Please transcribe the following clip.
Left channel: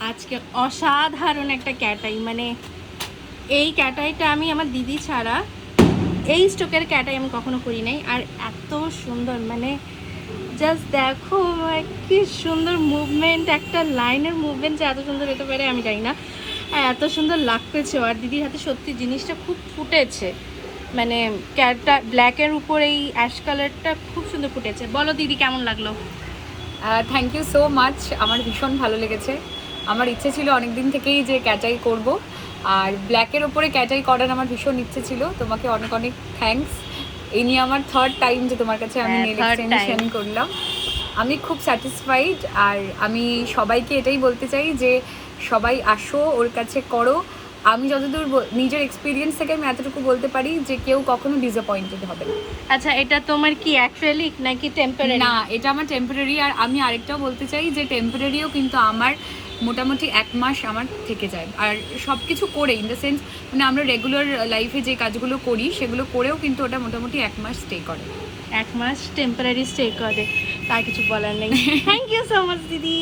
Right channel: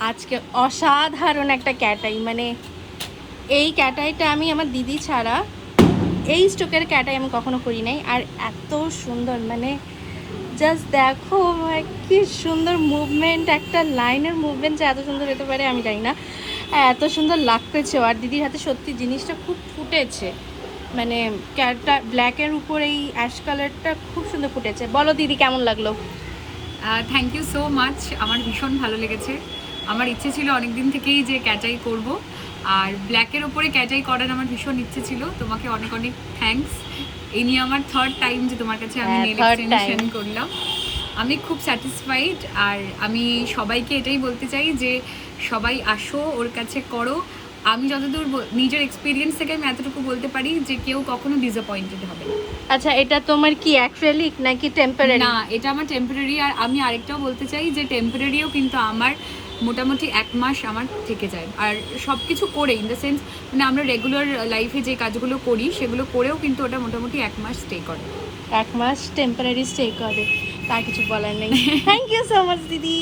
আজকে অসাধারণ একটা ক্যাটাই, মানে এই ক্যাটাইটা আমি আমার দিদি ছাড়া এই স্টোকের ক্যাটাই আমি কখনো করি নাই। আর এত সুন্দর, মানে জাস্ট দেখো কি সুন্দর মুভমেন্ট, একটা লাইনের মুভমেন্ট যে এত সুন্দর হতে পারে আমি জানি না। এত সুন্দর লাগতেছে। আর দিদির হাতে সত্যি জিনিসটা খুব ফুটেছে, মানে ক্যাটটা ব্ল্যাকের উপর এই অ্যাশ কালারটা খুব সুন্দর ফুটেছে। বলো দিদি কেমন লাগলো? থ্যাংক ইউ সো মাচ, আমার ভীষণ ভালো লেগেছে। আমার ইচ্ছে ছিল অনেক দিন থেকেই যে ক্যাটাই করব, আর ব্ল্যাকের ওপরে ক্যাটাই করার আমার ভীষণ ইচ্ছে ছিল। তোমাকে অনেক অনেক থ্যাঙ্কস। এই নিয়ে আমার থার্ড টাইম যে তোমার কাছে আমি নেল এক্সটেনশন করলাম। আমি খুব স্যাটিসফাইড। আর আমি সবাইকে এটাই বলতে চাই যে সবাই আসো, ওর কাছে করো। আমি যতদূর নিজের এক্সপিরিয়েন্স থেকে আমি এতটুকু বলতে পারি যে কেউ কখনো ডিসঅ্যাপয়েন্টেড হবে না। আচ্ছা, এটা তোমার কি অ্যাক্রিলিক নাকি টেম্পোরারি? না, এটা আমার টেম্পোরারি। আর আমি আরেকটাও বলতে চাই যে টেম্পোরারিও কিন্তু আমার মোটামুটি 1 মাস আমার থেকে যায়। আর সব কিছু করে, ইন দ্য সেন্স মানে আমরা রেগুলার লাইফে যে কাজগুলো করি সেগুলো করেও কিন্তু ওটা মোটামুটি 1 মাস স্টে করে। 1 মাস টেম্পোরারি স্টে করে, তার কিছু বলার নেই। থ্যাংক ইউ সো মাচ দিদি।